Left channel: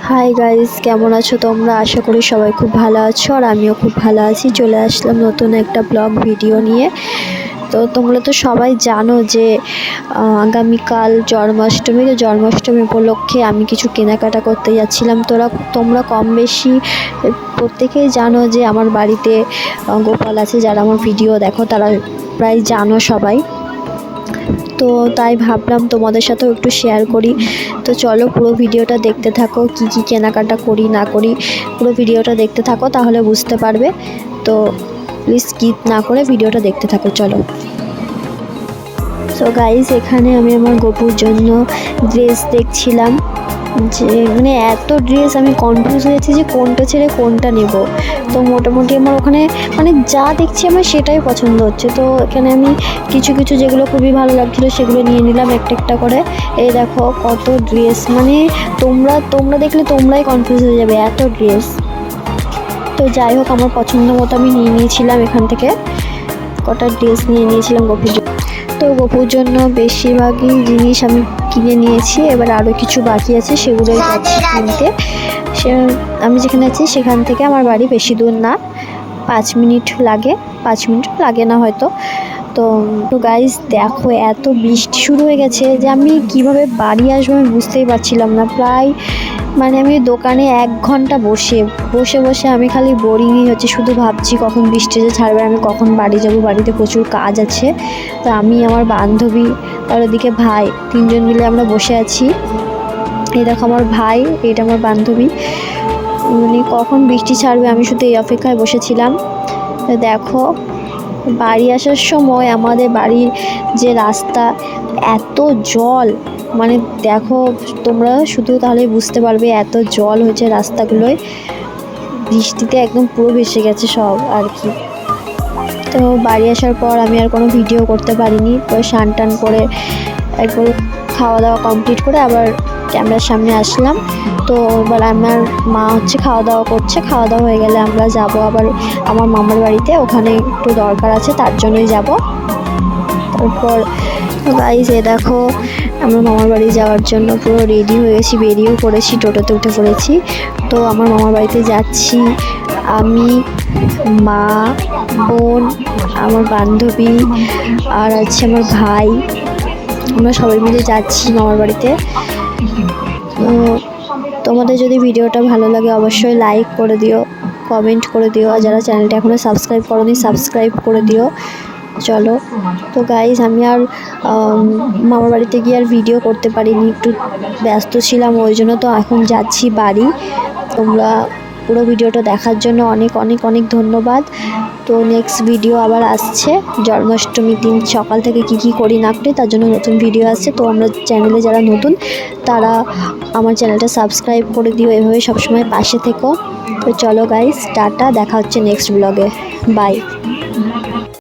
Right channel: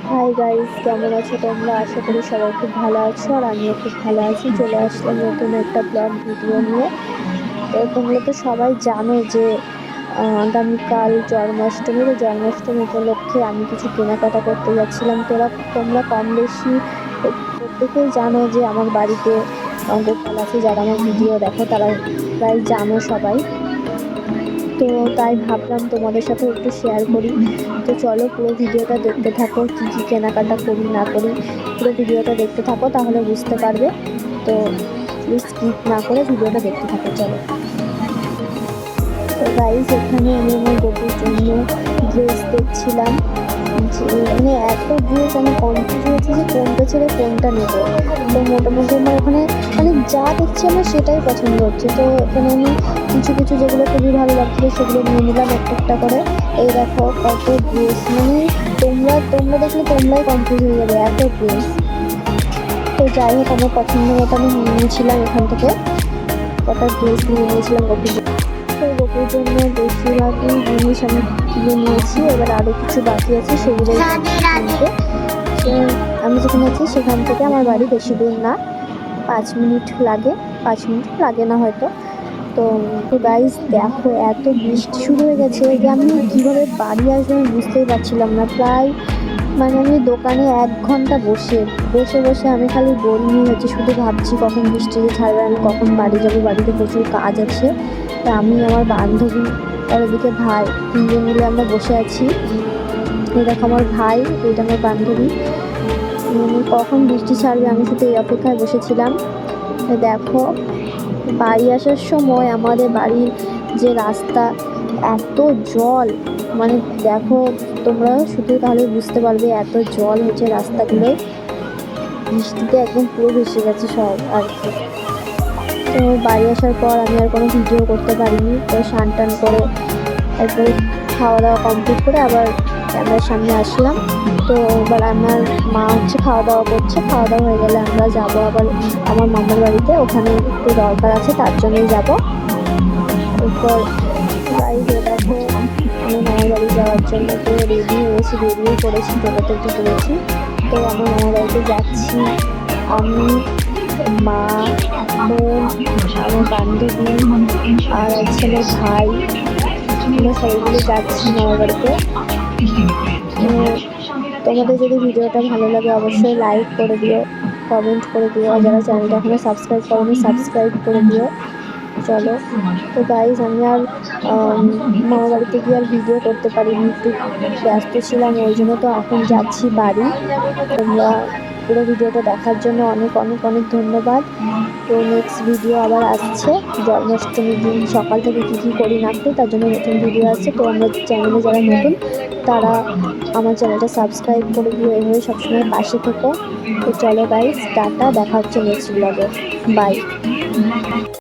Hi guys, কেমন আছো তোমরা? আশা করি সবাই খুব ভালো আছো আর আমিও খুব ভালো আছি। চলে আসলাম নতুন একটা ব্লগ ভিডিও নিয়ে। তো তোমরা তো সবাই জানো যে আগামীকাল জন্মাষ্টমী। তো জন্মাষ্টমী উপলক্ষে আমি কিছু কেনাকাটা করতে যাচ্ছিলাম। তোমরা কম বেশি প্রত্যেকেই জানো যে আমার বাড়িতে গোপাল আছে। যারা আমার ভিডিও দেখো তারা প্রায় জানো সবাই। তো তাই ভাবলাম তোমাদের সাথেও একটু শেয়ার করি। তো চলো পুরো ভিডিওটা দেখতে থাকো, কি কি কেনাকাটা করি না করি পুরো ভিডিওটা দেখতে থাকো, তাহলে বুঝতে পারবে। তো প্লিজ স্কিপ না করে ভিডিওটা দেখতে থাকো, চলো। সো গাইস, এখানে আমি আমার গপুর জন্য ড্রেস দেখছিলাম। যে মানে এত ড্রেস, আমি কনফিউজ হয়েছি যে কোনটা ছেড়ে কোনটা নেব। তো মোটামুটি আমার ওখানে মানে যা দেখছি আমার সেটাই পছন্দ হচ্ছে। তো এখানে আমি কিছু কিছু যেগুলো খুবই ভালো লাগছিলো সেগুলো নিয়ে নিলাম একটা করে। এই দেখো কত ড্রেস, মানে তোমরা দেখলে তোমরাই কনফিউজ হয়ে যাবে, এত ড্রেস। তো যাই হোক, আমার পছন্দ মতো আমি নিয়ে নিয়েছিলাম এখান থেকে কটা ড্রেস নিয়ে নিয়েছিলাম গপুর জন্য। তো গপুর জন্য বেশিরভাগই জিনিস আমি কিনে নিয়েছি, এবার আরও কিছু বাকি আছে সেগুলোই কিনতে। আমি যেখানে আছি সেখান থেকে আমার বাড়ি বেশি দূর না, 5 মিনিট লাগে, 5 মিনিট লাগে না হয়তো। তো গাইস দেখো, এত বৃষ্টি শুরু হয়ে গেছে যে আমি কিভাবে বাড়ি আসবো আমি বুঝতেই পারছিলাম না। প্রায় মানে আমি দোকানে 1 ঘন্টা বসে আমি খালি বোরিংই হচ্ছে, শুধু ভাবছি কখন বৃষ্টি যে ছাড়বে, আমি কখন বাড়ি যাব। বাড়িতে প্রচুর কাজ আছে। তো আমি, আমার বান্ধবী আর ওদিকে ভাই, 3জন মিলে আমরা বসে আছি। এই দেখো আমার ভাই, এটা আমার বান্ধবী। মানে কখন বৃষ্টি ছাড়বে আমি শুধু এই অপেক্ষায় বসেছিলাম। দেখো বাড়ি আসার সময় আমাদের বাড়ির যে রাস্তা, এত জল, মানে দেখো তোমরা শুধু তাহলে বুঝতে পারবে এত জল হচ্ছে রাস্তাগুলোয়। বৃষ্টিতে একদম পুরো ভেসে গেছে সব আর কি। তো বাড়ি আসার পর আমি আর কোনো ভিডিও করতে পারিনি। তো স্নান টান করে একটু খাওয়া দাওয়া কমপ্লিট করে আবার ক্যামেরার সামনে আসলাম। তো এবার আমার মা হচ্ছে খাওয়া দাওয়া করছে, খাওয়া দাওয়া হয়ে গেলে আমরা যাব আবার আমার মামার বাড়িতে, ওখানে একটু দরকার আছে তার জন্যই যাব। তারপর গাইস দেখো, আমার মামার বাড়ি যাওয়ার জন্য পুরো রেডি হয়েছি, বেরিয়েও পড়েছি, টোটোতে উঠে পড়েছি। তো আমার মামার বাড়িতে যাচ্ছি আমি, মা, বোন, আমার বান্ধবী আর আছে আমার ভাই। আমরা সবাই মিলে যাচ্ছি মামার বাড়িতে। তোমাদের যদি ভিডিওটা ভালো লাগে অবশ্যই লাইক করে দিও, কমেন্ট করে দিও, আর যারা চ্যানেলটা এখনও সাবস্ক্রাইব করোনি সাবস্ক্রাইব করে দিও। চলো। তো গাইজ, আমি আর মামার বাড়িতে গিয়ে আর ভিডিও করতে পারিনি, একটু ব্যস্ত ছিলাম ওই জন্য। তো এখন যাচ্ছি বাড়ি। তোমরা পুরো ভিডিওটা দেখার জন্য অনেক অনেক অনেক ধন্যবাদ। তো নেক্সট ভিডিও আবার আসছে জন্মাষ্টমীর দিন সকাল থেকে কি করি না করি তার জন্য নতুন ভিডিও আসছে। তো আমরা চ্যানেলে যারা নতুন তারা আমার চ্যানেলটা সাবস্ক্রাইব করে দিও, এভাবে সবসময় পাশে থেকো। তো চলো গাইজ, টাটা, দেখা হচ্ছে নেক্সট ব্লগে, বাই।